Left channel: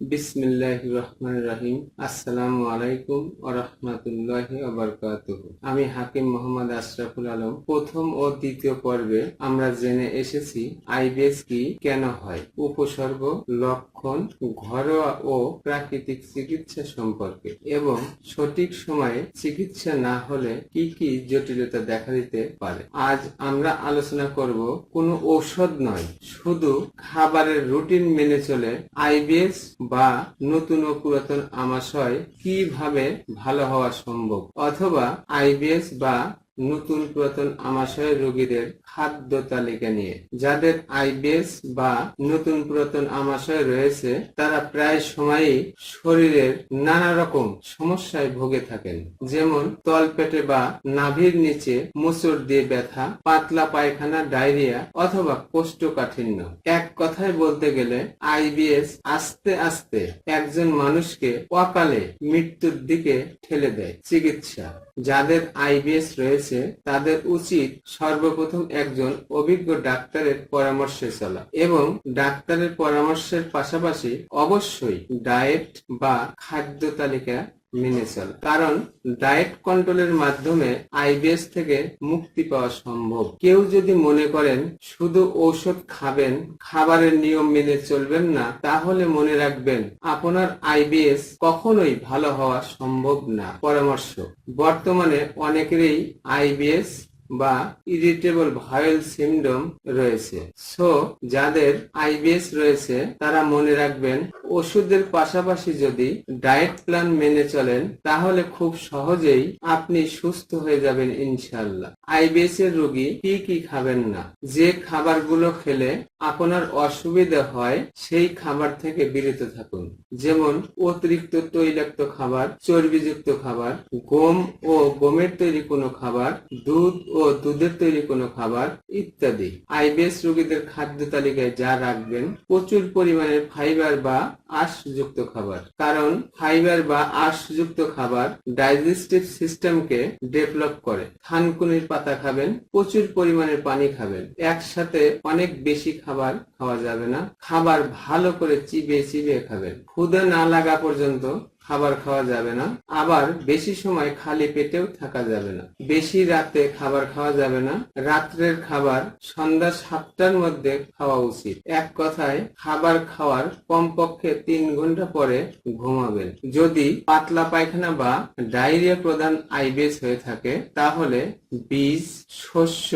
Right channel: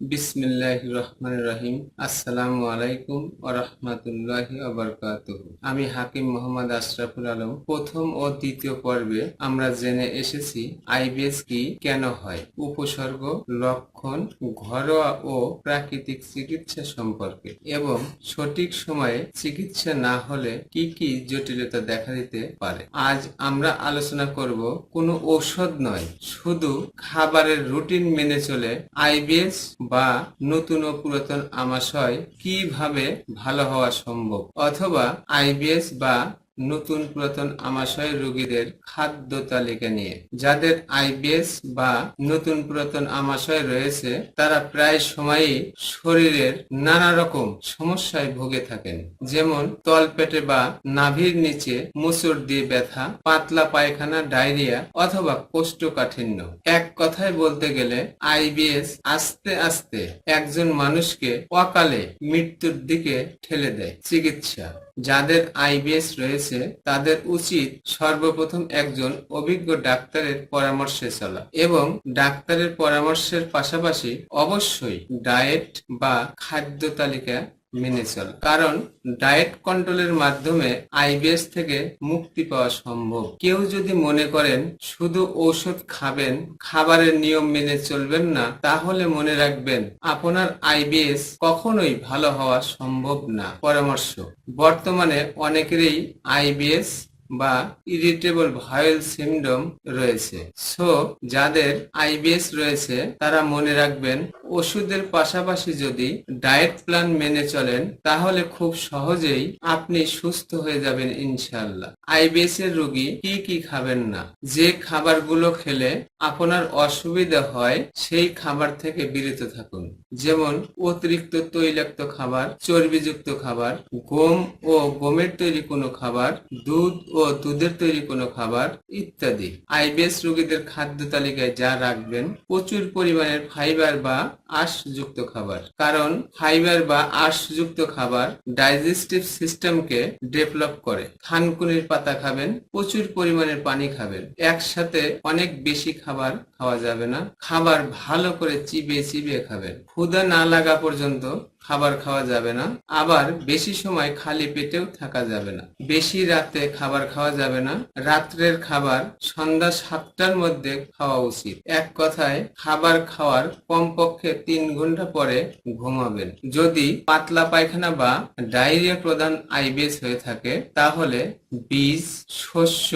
বিসমিল্লাহ রহমান রহিম। আসসালামু আলাইকুম ওরহমতুল্লাহি ওবরকাতুহ আমি হাকিম মোহাম্মদ আশরাফুল আলম। প্রথম ও দ্বিতীয় পর্বে আমরা জেনে এসেছি আইবিএস কি কেন হয়, উপসর্গ, লক্ষণ, ঘরোয়া ও প্রাকৃতিক চিকিৎসা সম্পর্কে, এবং সঠিক সময়ে চিকিৎসা না হলে কি কি জটিলতা দেখা দিতে পারে। আজ আমরা আলোচনা করব কোনো ঔষধ নয়, শুধু খাবারের রুটিন মেনে চলে আইবিএস বা নতুন ও পুরাতন আমাশয় কীভাবে ভালো হওয়া সম্ভব? অথবা আইবিএস বা নতুন পুরাতন আমাশয় রোগীদের খাদ্য তালিকা নিয়ে। যাদের আইবিএস বা নতুন পুরাতন আমাশয় রয়েছে, তারা প্রায় সময়ই শরীরের নানা রকম সমস্যায় ভুগে থাকেন। যেমন তলপেটে বা নাভির নিচে মুসুর দিয়ে ব্যথা, পাতলা পায়খানা, ডায়রিয়া অথবা কোষ্ঠকাঠিন্য। এক কথায় বলতে গেলে, আইবিএস আস্তে আস্তে একজন মানুষকে অকালে মৃত্যুর দিকে ঠেলে দেয়। চিকিৎসা যাদের আইবিএস রয়েছে, তাদের উচিত সর্বপ্রথম একজন অভিজ্ঞ ডাক্তারের পরামর্শে চলা এবং ডাক্তারের পরামর্শের পাশাপাশি অবশ্যই ডায়েট বা খাদ্য তালিকা মেনে চল। কারণ ডায়েট কন্ট্রোলের মাধ্যমে আইবিএস থেকে মুক্তি পাওয়া সম্ভব। কেউ যদি মনে করেন, শুধু ঔষধ খাবেন, খাবারের নিয়ম মেনে চলবেন না, তাহলে মনে রাখবেন, আপনার আইবিএস কখনোই ভালো হওয়া সম্ভব না। পরামর্শ, বর্তমানে অনেকেরই আইবিএস বা ইরিটেবল ভাইল সিমডম রয়েছে। সো যাদের আইবিএস রয়েছে, তারা মনে রাখবেন, ওষুধের পাশাপাশি যদি ডায়েট প্ল্যান মেনে চলেন, তাহলে খুব সহজেই আপনি সুস্থ হয়ে যাবেন ইনশাল্লাহ আইবিএস এর রোগী কি কি খাবেন না? যে খাবারগুলো খেলে আপনার অসুবিধা হয়, সেই খাবার থেকে বিরত থাকুন। যেমন, অতিরিক্ত তৈলাক্ত খাবার, চর্বিযুক্ত খাবার, গম ও গমের তৈরি কোনো খাবার, দুধ ও দুধের তৈরি কোনো খাবার ইত্যাদি। আইবিএস রোগীদের খাদ্য তালিকায় যা রাখবেন, প্রচুর পরিমাণের ফাইবার বা আঁশযুক্ত খাবার। কারণ ফাইবার বা আঁশযুক্ত খাবার ডাইজেস্টিভ সিস্টেমকে ডেভেলপ করে। থানকুনির পাতা খাবেন, প্রচুর পরিমাণের পানি খাবেন। একসাথে অনেক বেশি খাবার খাওয়া যাবে না। খাবার ভালো করে চিবিয়ে চিবিয়ে খাবেন। ক্ষুদা না লাগা পর্যন্ত খাবার খাওয়া যাবে না। আবার বেশি সময় খালি পেটেও থাকা যাবে না। বেশি রাতে খাবার খাওয়া যাবে না। রাত্রের খাবার সন্ধ্যা সাতটার মধ্যে খাওয়া উচিত। এক কথায়, খাবার খাওয়ার কমপক্ষে তিন ঘণ্টা পরে ঘুমাবেন। যদি পাতলা পায়খানা বা ডায়রিয়া প্রধান আইবিএস হয়ে থাকে, তাহলে বীজ, শস্য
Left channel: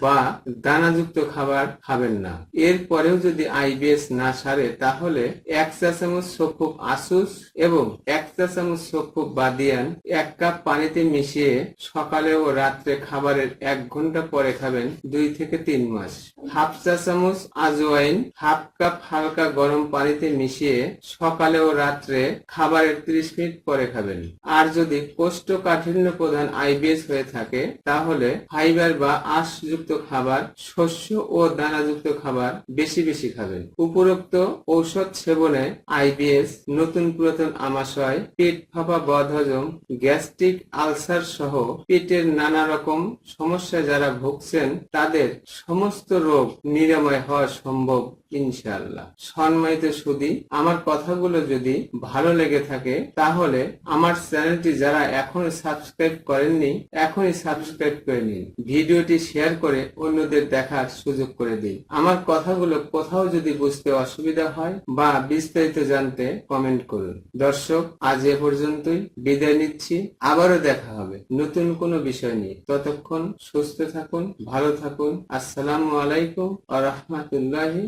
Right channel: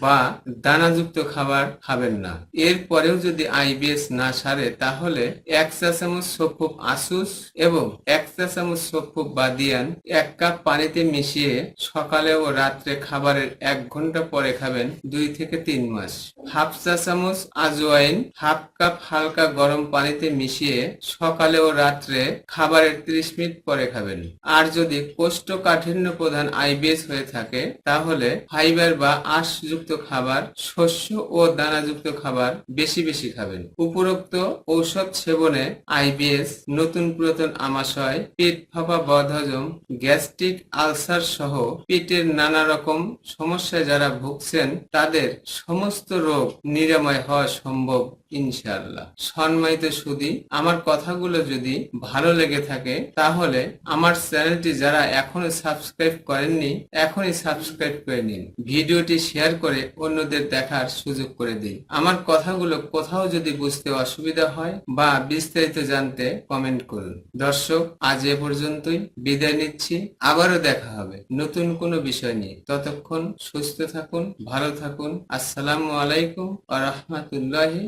বা দানাযুক্ত খাবার খাবেন না। এরপরেও যদি আইবিএস না সারে, তাহলে এক চা চামচ সফুক আসুস এবং এক চা চামচ সফুক বাদিয়ান এক কাপ পানিতে মিশিয়ে সকালে ও রাত্রে খাবারের এক ঘণ্টা পরে খাবেন দুই থেকে তিন মাস। হাফ চা চামচ আজওয়াইন, হাফ কাপ হালকা গরম পানিতে মিশিয়ে সকালে ও রাত্রে খাবারের ত্রিশ মিনিট পরে খাবেন। আর যদি কোষ্ঠকাঠিন্য প্রধান আইবিএস হয়ে থাকে, তাহলে ফাইবার বা আঁশযুক্ত খাবার, শস্য ও দানাযুক্ত খাবার বেশি বেশি খাবেন। উপরোক্ত ঔষধ সেবনে আইবিএস, নতুন পুরাতন আমাশয়, পেট ফাঁপা বদহজম, গ্যাস্ট্রিক আলসার সহ পেটের নানা রকম সমস্যায় যারা ভুগছেন, তাদের সমস্ত রোগ নিরাময় হওয়া সম্ভব, ইনশাআল্লাহ। সম্মানিত সুদী, আমার কথাগুলো যদি ভালো লেগে থাকে, তাহলে আমার চ্যানেলটি যারা এখনও সাবস্ক্রাইব করেননি, এখনই সাবস্ক্রাইব করে নিন। ভিডিওটি শেয়ার করে অন্যদের দেখার সুযোগ করে দিন। আমার কথাগুলো কোথাও যদি বুঝতে অসুবিধা হয় বা বিস্তারিত জানতে কমেন্ট করুন। দর্শক, আজ এ পর্যন্তই। বিদায় নিচ্ছি। আবারও দেখা হবে। নতুন কোনো বিষয় নিয়ে। ততক্ষণ সুস্থ থাকুন ভালো থাকুন। আসসালামু আলাইকুম আ রহমতুল্লাহি